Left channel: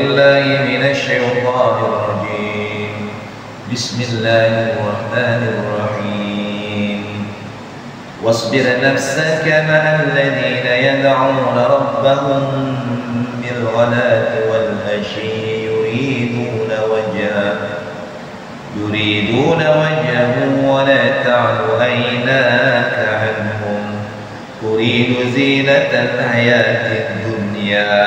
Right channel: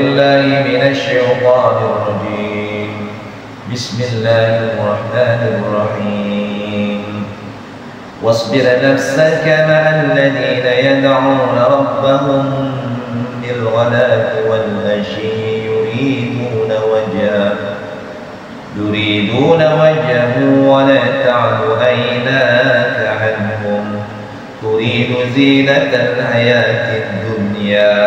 بالله من الشيطان الرجيم. بسم الله الرحمن الرحيم. واصبر نفسك مع الذين يدعون ربهم بالغداة والعشي يريدون وجهه ولا تعد عيناك عنهم تريد زينة الحياة الدنيا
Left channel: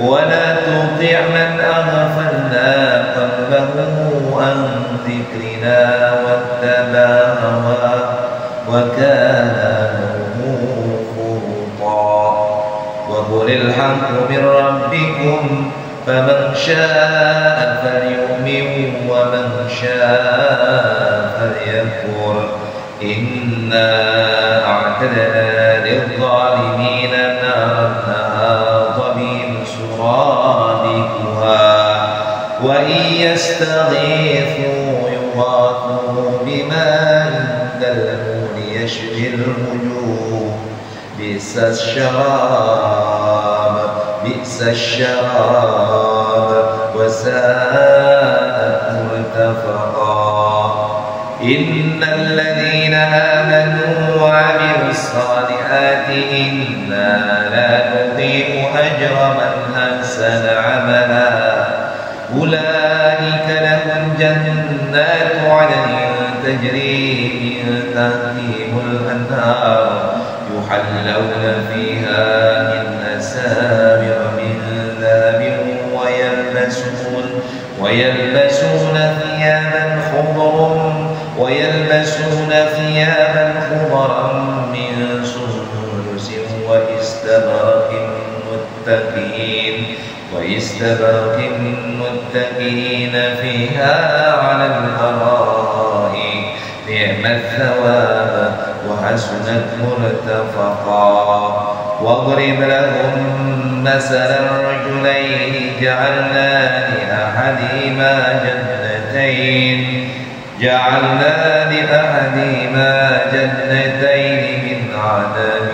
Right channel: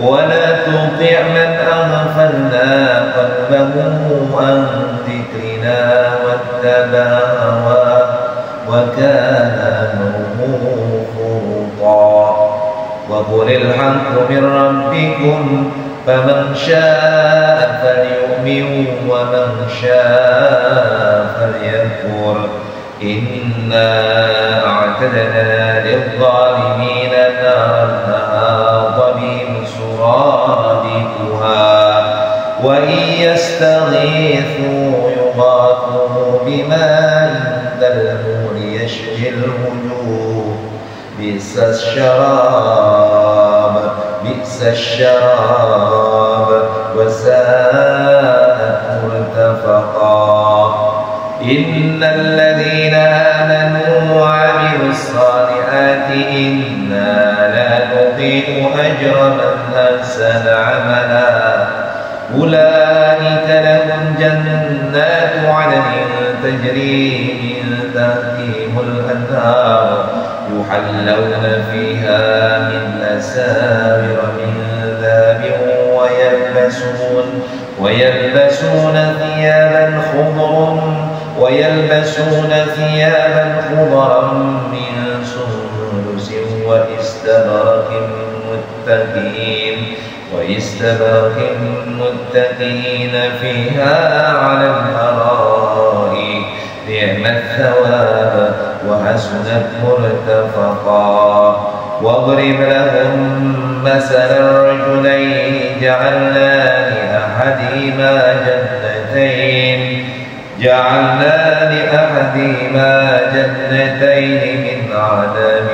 ولا تطع من أغفلنا قلبه عن ذكرنا واتبع هواه وكان أمره فرطا. وقل الحق من ربكم فمن شاء فليؤمن ومن شاء فليكفر إنا أعتدنا للظالمين نارا أحاط بهم سرادقها وإن يستغيثوا يغاثوا بماء كالمهل يشفي الوجوه بئس الشراب وساءت مرتفقا. إن الذين آمنوا وعملوا الصالحات إنا لا نضيع أجر من أحسن عملا أولئك لهم جنات عدن تجري من تحتهم الأنهار يحلون فيها من أساور من ذهب ويلبسون ثيابا خضرا من سندس واستبرق متكئين فيها على الأرائك نعم الثواب وحسنت مرتفقا. واضرب لهم مثل الرجلين جعلنا لأحدهما جنتين من عنب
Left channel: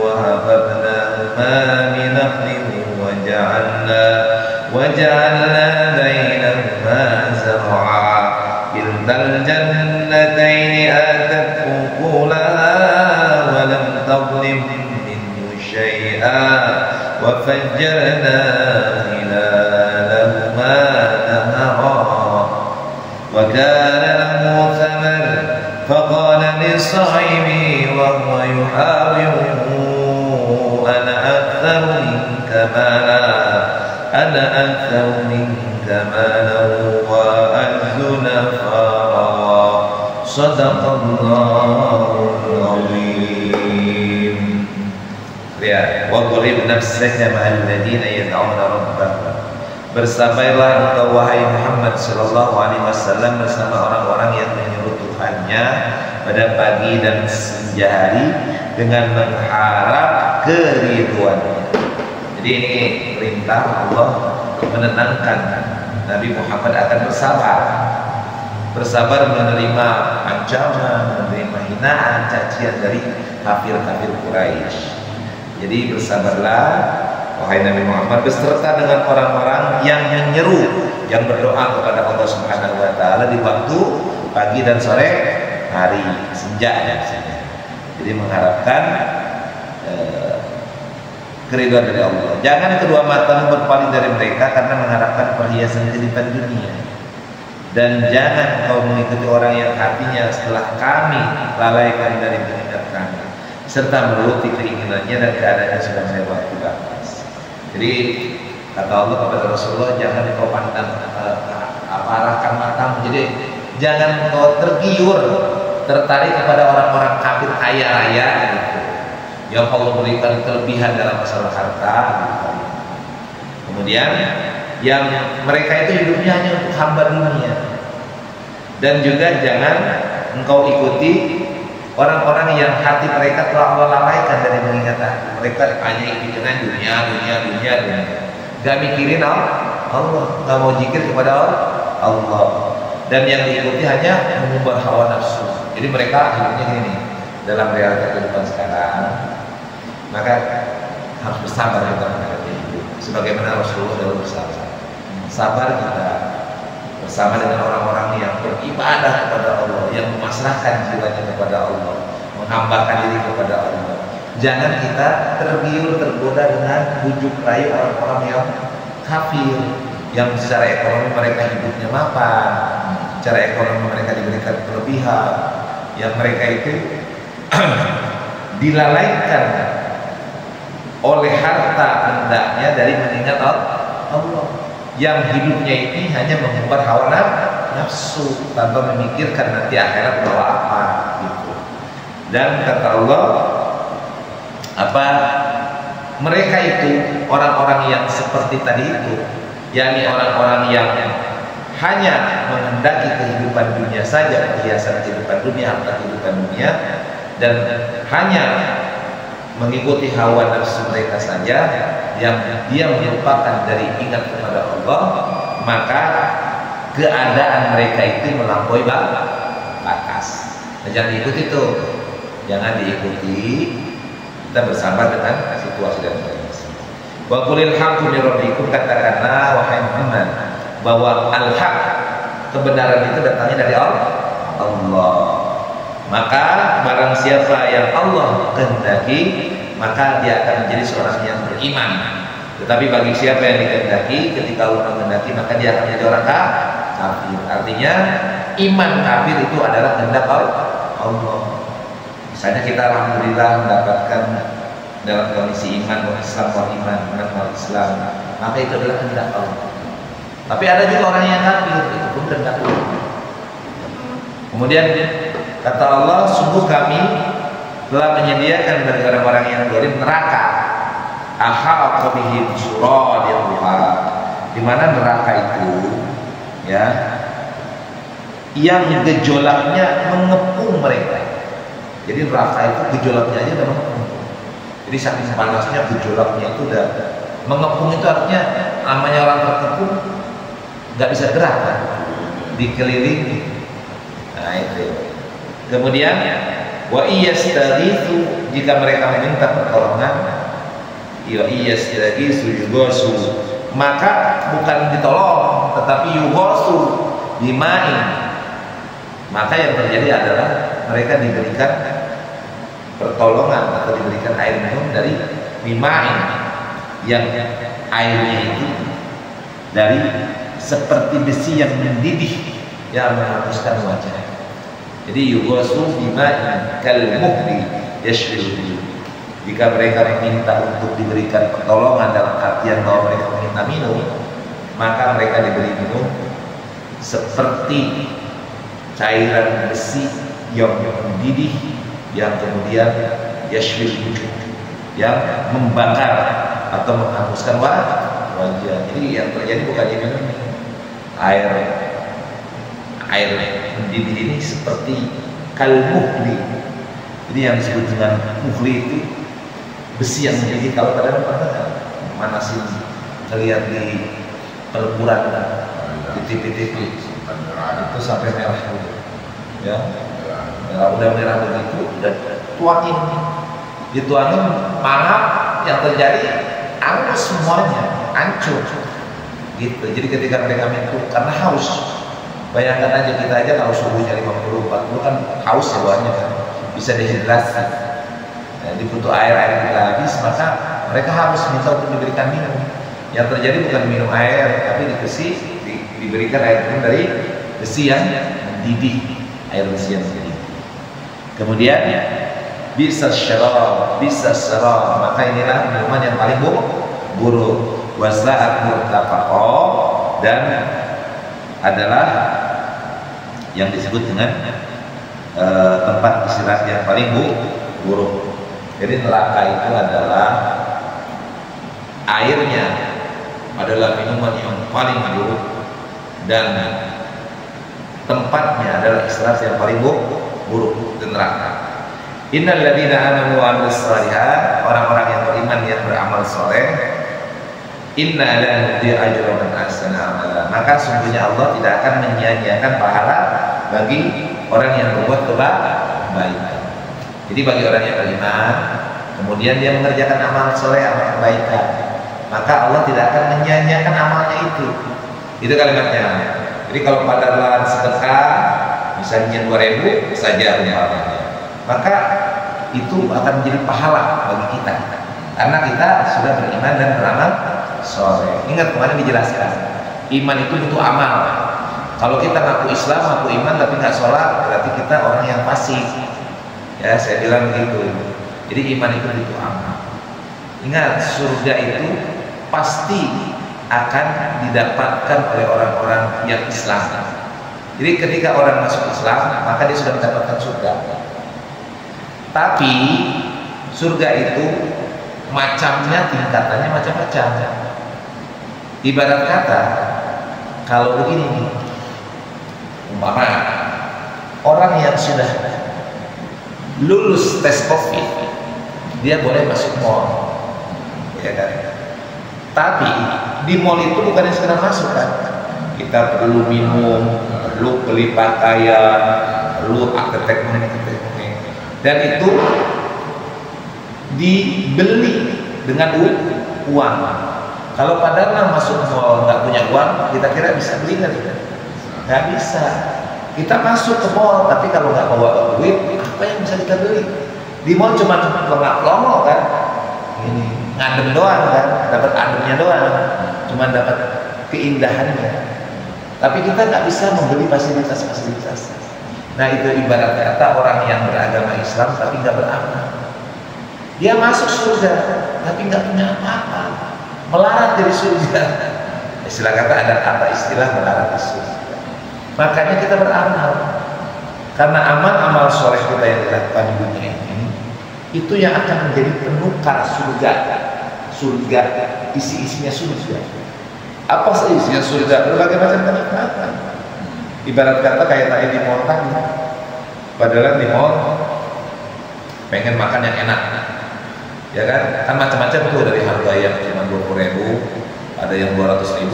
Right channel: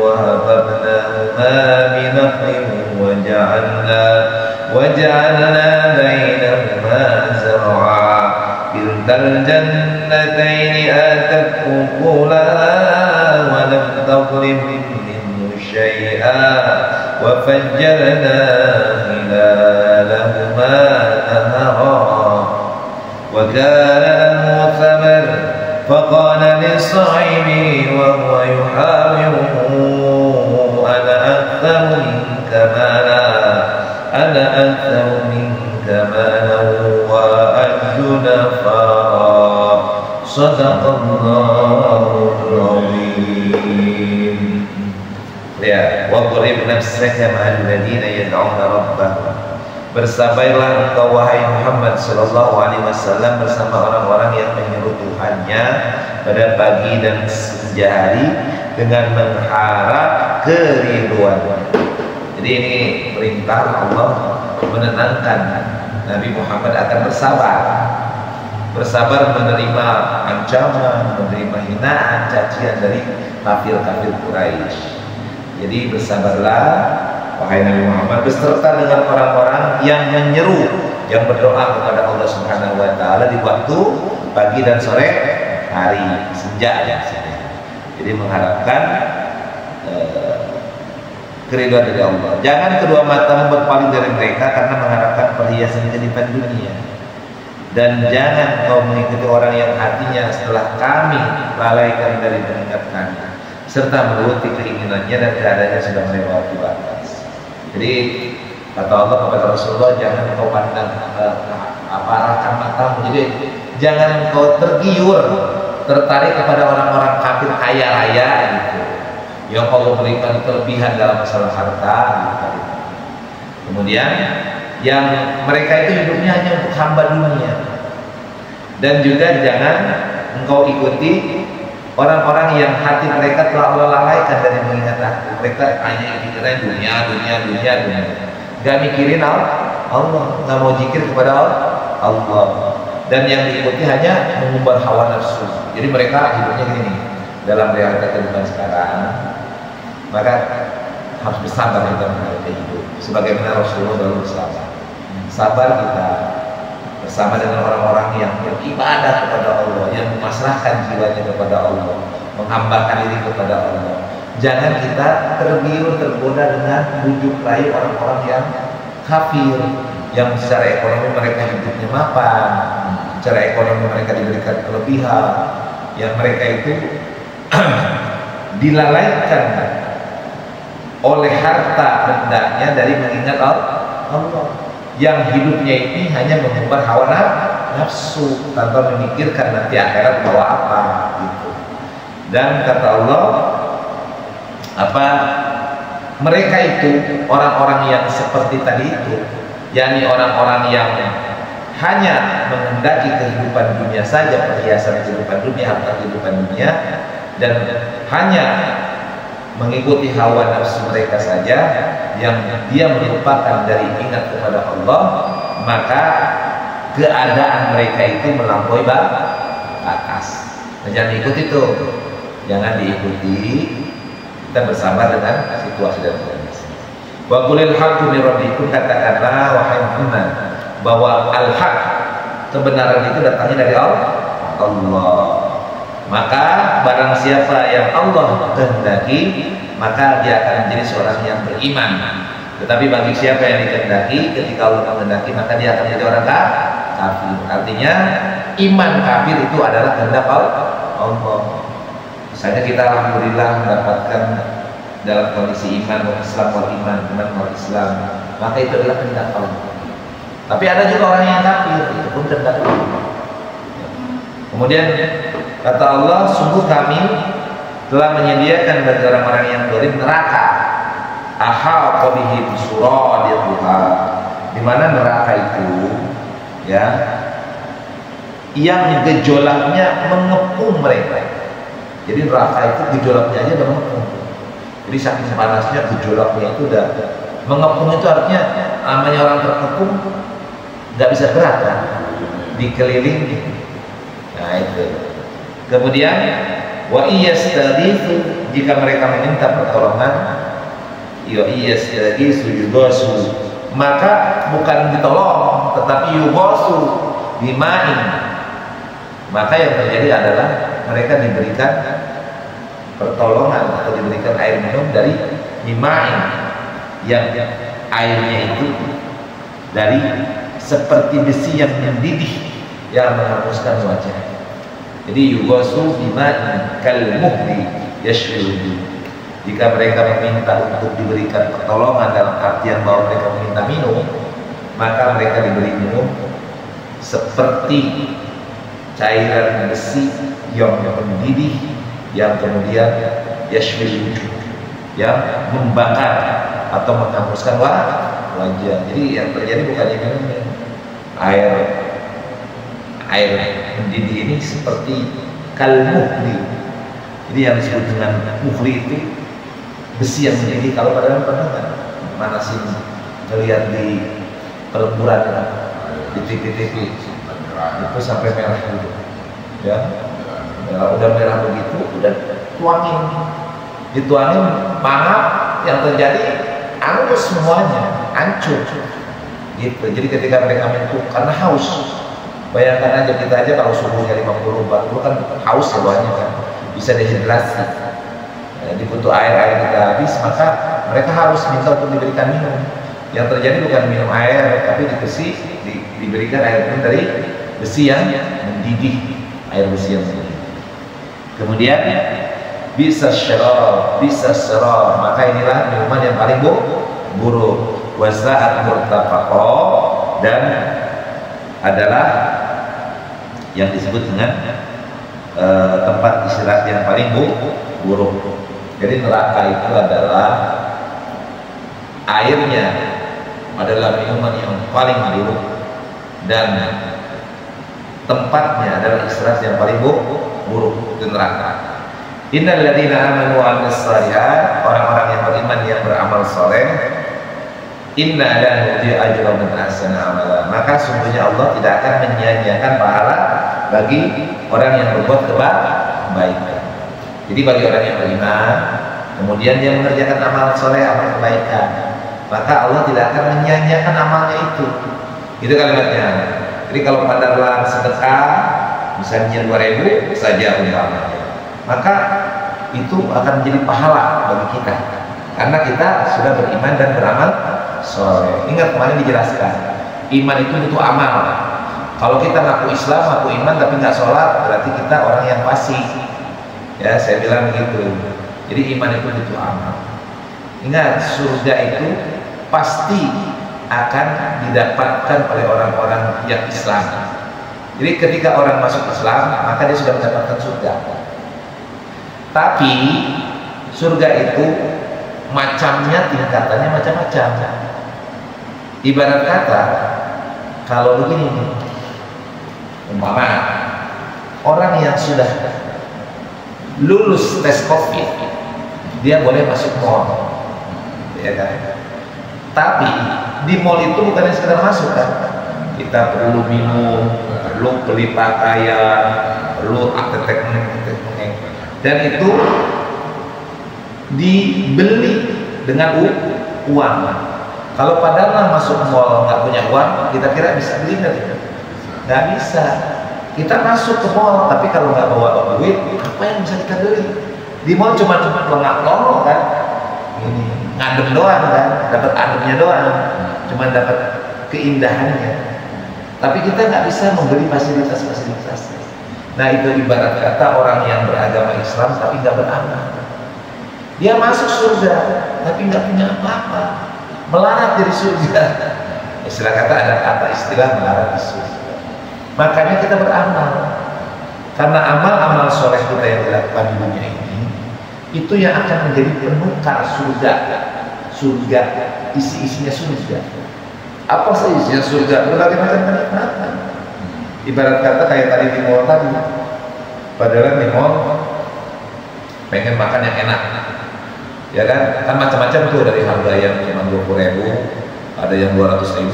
وهففناهما بنخل وجعلنا بينهما زرعا كلتا الجنتين آتت أكلها ولم تظلم منه شيئا وفجرنا خلالهما نهرا وكان له ثمر فقال لصاحبه وهو يحاوره أنا أكثر منك مالا وأعز نفرا. صدق الله العظيم. Lihat, wadrib nafsaka ma'al ladina yad'una rabbahum. Bersabarlah engkau wahai Muhammad sallallahu alaihi wasallam bersama orang-orang yang menyeru Tuhannya pada pagi dan senja hari dengan mengharap keriduannya. Jadi ini perintah Allah menenangkan Nabi Muhammad akan bersabar menerima ancaman, menerima hinaan, cacian dari kafir-kafir Quraisy. Jadi bersabarlah wahai Nabi Muhammad beserta dengan orang-orang yang menyeru, yang berdoa kepada Allah Subhanahu wa taala di waktu pagi dan sore hari, senja. Jadi mengharapkan keriduan dari Allah. Jangan kedua matamu berpaling dari mereka karena mengharapkan perhiasan kehidupan dunia. Dan jangan kau mengikuti orang yang hatinya setelah kami lalaikan dari mengingat kami, serta menuruti keinginannya dan keadaannya sudah melewati batas. Jadi kata Allah kepada Rasulullah, jangan kau pandang arahkan matamu. Jadi jangan kau tertarik kepada orang-orang kafir kaya raya gitu, yang Allah berikan kelebihan dalam masalah harta gitu. Kemudian yang mereka itu hidupnya hanya untuk hamba dunia. Dan juga jangan engkau ikuti orang-orang yang hati mereka telah Allah lalaikan dari mengingat aku. Mereka hanya pikiran dunia. Gak mikirin Allah, gak mau zikir kepada Allah. Dan yang diikuti hanya mengumbar hawa nafsu. Jadi mereka hidupnya gini, dalam realita kehidupan sekarang. Maka harus bersabar kita menghadapi hidup sebagaimana Rasulullah dahulu bersabar. sabar kita bersama dengan orang-orang yang beribadah kepada Allah, yang memasrahkan jiwanya kepada Allah, menghambakan diri kepada Allah. Jangan kita tergiur, tergoda dengan bujuk rayu orang-orang yang kafir, yang secara ekonomi mereka hidupnya mapan, secara ekonomi mereka diberikan kelebihan, yang mereka itu dilalaikan oleh harta hendaknya dari mengingat Allah, yang hidupnya ini hanya mengumbar hawa nafsu tanpa memikirkan nanti akhirat bawa apa gitu. Dan kata Allah, mereka itu orang-orang yang seperti tadi itu, yakni orang-orang yang hanya menghendaki kehidupan dunia saja, perhiasan kehidupan dunia, harta kehidupan dunia, dan hanya mengikuti hawa nafsu mereka saja, yang dia melupakan dari ingat kepada Allah, maka keadaan mereka itu melampaui batas. Jangan diikuti itu, jangan diikuti. Kita bersabar dengan situasi dan kondisi. Wa qulil haqqu min rabbikum, katakanlah wahai Muhammad bahwa al-haq, kebenaran itu datangnya dari Allah. Maka barang siapa yang Allah kehendaki, maka dia akan menjadi seorang yang beriman. Tetapi bagi siapa yang dikehendaki, ketika Allah menghendaki, maka dia akan menjadi orang kafir. Artinya iman kafir itu adalah kehendak Allah. Misalnya kita alhamdulillah mendapatkan dalam kondisi iman wal Islam, maka itu adalah kehendak Allah. Tapi ada juga orang yang kafir, itu pun kehendak Allah. Kemudian kata Allah, sungguh kami telah menyediakan bagi orang-orang yang zalim neraka, ahal qabihim suradiquha, di mana neraka itu ya yang gejolaknya mengepung mereka. Jadi neraka itu gejolaknya aja udah mengepung. Jadi saking panasnya gejolaknya itu udah mengepung. Itu artinya namanya orang terkepung nggak bisa gerak kan, dikelilingi. Nah itu. Kemudian wa iyastagitsu, jika mereka meminta pertolongan, ya iyastagitsu yugosu, maka bukan ditolong tetapi yugosu bima'in, maka yang terjadi adalah mereka diberikan pertolongan atau diberikan air minum dari bima'in, yang airnya itu dari seperti besi yang mendidih yang menghanguskan wajah. Jadi yugosu bima'in kal muhli yashwil. Jika mereka meminta untuk diberikan pertolongan dalam artian bahwa mereka meminta minum, maka mereka diberi minum seperti cairan besi yang mendidih, yang kemudian yashwil, yang membakar atau menghanguskan wajah. Jadi yang terjadi bukan minum air mendidih ini seperti kalmuhli. Jadi yang disebut dengan muhli itu besi yang mendidih. Kalau pada pernah manasin ngelihat di peleburan di TV itu sampai merah dulu ya, udah merah begitu, udah tuangin, dituangin, mangap, yang terjadi angus semuanya, hancur gitu. Jadi ketika mereka minum karena haus, bayangkan aja kita aja kalau suhunya 50-40 kan haus ya bawahnya kan, bisa dehidrasi, dibutuh air juga habis, maka mereka harus minta untuk diberikan minum. Yang terjadi bukan minum air, tapi diberikan air minum dari besi yang mendidih, air besi yang mendidih. Kemudian bisa syarab, maka inilah minuman yang paling buruk. Wasa'at murtafaqo, dan adalah yang disebut dengan tempat istirahat yang paling buruk. Jadi neraka itu adalah airnya adalah minuman yang paling buruk, dan tempatnya adalah istirahat yang paling buruk di neraka. Innal ladzina amanu wa 'amilus shalihat, orang-orang yang beriman yang beramal saleh, inna la nudhi'u ajra man ahsana amala, maka sungguhnya Allah tidak akan menyia-nyiakan pahala bagi orang yang berbuat kebaikan. Jadi bagi orang yang beriman kemudian dia mengerjakan amal soleh, amal kebaikan, maka Allah tidak akan menyia-nyiakan amalnya itu. Itu kalimatnya. Jadi kalau Pak Dahlan sedekah misalnya 2.000 saja umpamanya, maka itu akan menjadi pahala bagi kita karena kita sudah beriman dan beramal soleh. Ingat kemarin dijelaskan, iman itu butuh amal. Kalau kita ngaku Islam, ngaku iman tapi nggak sholat, berarti kita orang yang fasik. Ya, saya bilang begitu. Jadi iman itu butuh amal. Ingat, surga itu pasti akan didapatkan oleh orang-orang yang Islam. Jadi ketika orang masuk Islam, maka dia sudah mendapatkan surga. Tapi surga itu macamnya, tingkatannya macam-macam. Ibarat kata, kalau begini nih, umpama orang yang sudah lulus tes COVID, dia boleh masuk mall, ya kan? Tapi di mall itu bukan yang sekedar masuk kan? Kita perlu minum, perlu beli pakaian, perlu akte-akte, dan itu dibeli dengan uang. Kalau padahal masuk mall nggak punya uang, kita kira bisa beli nggak? Nggak bisa. Kita masuk ke mall, tapi kalau nggak bawa duit, apa yang bisa kita beli? Di mall cuma pelongo kan, ini ngadem doang kan, dapat ademnya doang, cuma dapat keindahannya. Tapi kita nggak bisa membeli fasilitas-fasilitas. Nah itu ibarat kata orang yang beragama Islam tapi nggak beramal. Dia masuk surga tapi nggak punya apa-apa, melarat dari surga. Istilah kata, ada kata istilah melarat di surga. Makanya kita beramal, karena amal-amal soleh kita yang dilakukan di dunia ini itu yang akan menjadi penukar surga. Surga isi-isinya surga. Apa sih isinya surga? Berbagai macam kenikmatan. Ibarat kata kayak tadi di mall tadi, padahal di mall pengen makan yang enak, ya kan macam-macam tuh, dari harga yang cuma 20.000, ada yang 200.000,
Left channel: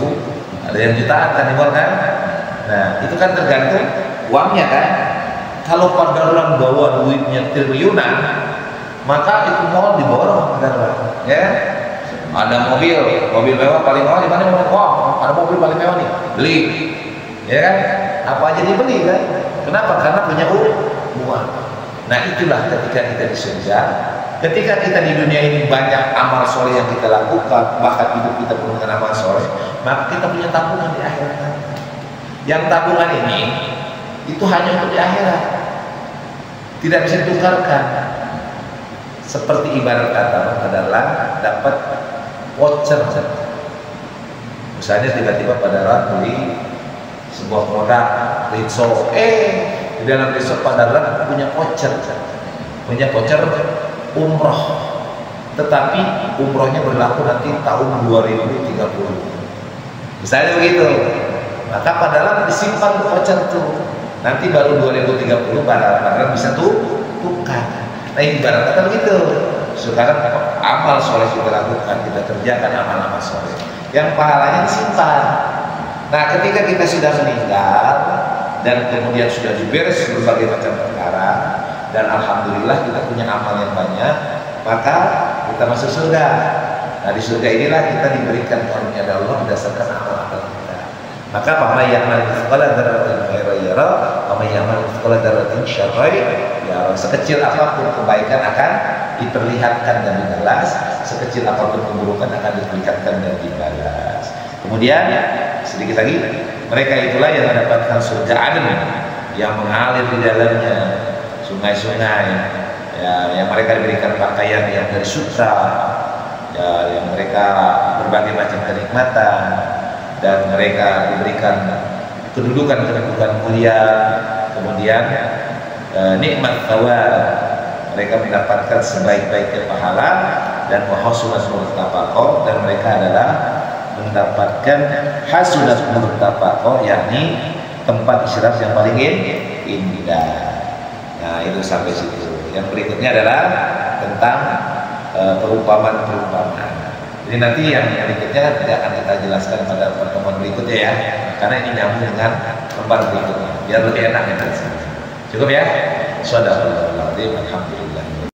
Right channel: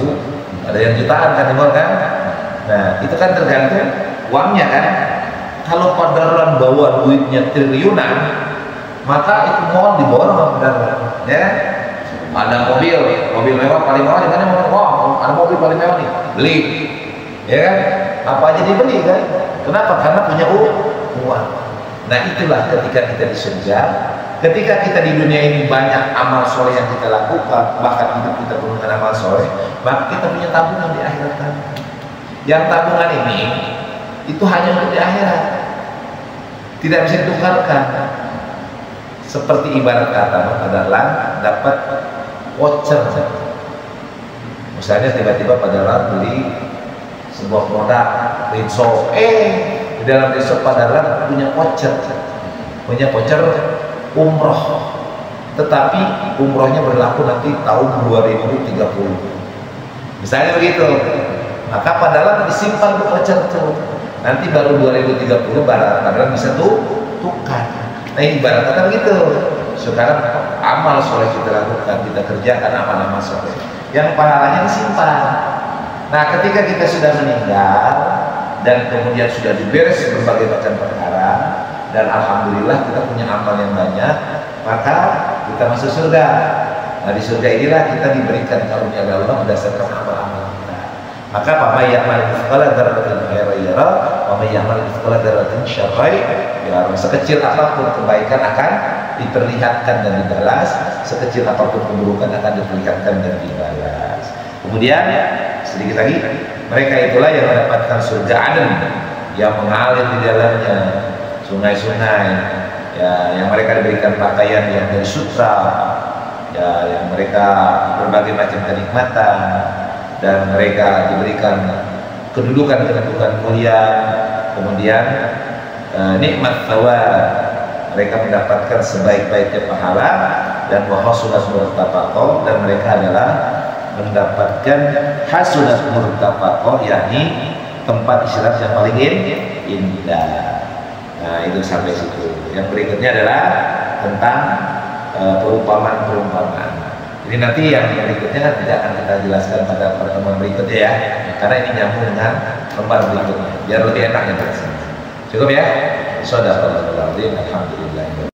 ada yang jutaan kan di mall kan. Nah itu kan tergantung uangnya kan. Kalau Pak Dahlan bawa duitnya triliunan, maka itu mall diborong sama Pak Dahlan, ya. Ada mobil mewah paling mewah di mana? Wah, ada mobil paling mewah nih, beli, ya kan? Apa aja dibeli kan? Kenapa? Karena punya uang. Nah itulah ketika kita di surga, ketika kita di dunia ini banyak amal soleh yang kita lakukan, bahkan hidup kita penuh dengan amal soleh, maka kita punya tabungan di akhirat nanti. Yang tabungan ini itu hanya untuk di akhirat, tidak bisa ditukarkan. Seperti ibarat kata Pak Dahlan dapat voucher, misalnya tiba-tiba Pak Dahlan beli sebuah produk Rinso, di dalam Rinso Pak Dahlan punya voucher umroh, tetapi umrohnya berlaku nanti tahun 2030 misalnya begitu, maka Pak Dahlan disimpan tuh voucher tuh, nanti baru 2030 Pak Dahlan bisa tukar. Nah ini ibarat kata begitu. Sekarang amal soleh kita lakukan, kita kerjakan amal-amal soleh yang pahalanya disimpan. Nah ketika kita sudah meninggal dan kemudian sudah diberes berbagai macam perkara, dan alhamdulillah kita punya amal yang banyak, maka kita masuk surga. Nah di surga inilah kita diberikan karunia dari Allah berdasarkan amal-amal kita. Maka faman ya'mal mithqala dzarratin khairan yara wa may ya'mal mithqala dzarratin syarran yara. Sekecil apapun kebaikan akan diperlihatkan dan dibalas, sekecil apapun keburukan akan diperlihatkan dan dibalas. Kemudian sedikit lagi, mereka itulah yang mendapatkan surga Aden yang mengalir di dalamnya sungai-sungai, ya, yang mereka diberikan pakaian yang dari sutra, ya, yang mereka berbagai macam kenikmatan, dan mereka diberikan kedudukan mulia, kemudian nikmat thawab, mereka mendapatkan sebaik-baiknya pahala, dan wa hasunat murtafaqah, dan mereka adalah mendapatkan hasunat murtafaqah, yakni tempat istirahat yang paling indah. Nah itu sampai situ. Yang berikutnya adalah tentang perumpamaan. Ini nanti yang berikutnya kan tidak akan kita jelaskan pada pertemuan berikutnya ya, karena ini nyambung dengan lembar berikutnya, biar lebih enak ya. Cukup ya. Shadaqallahul azim. Alhamdulillah.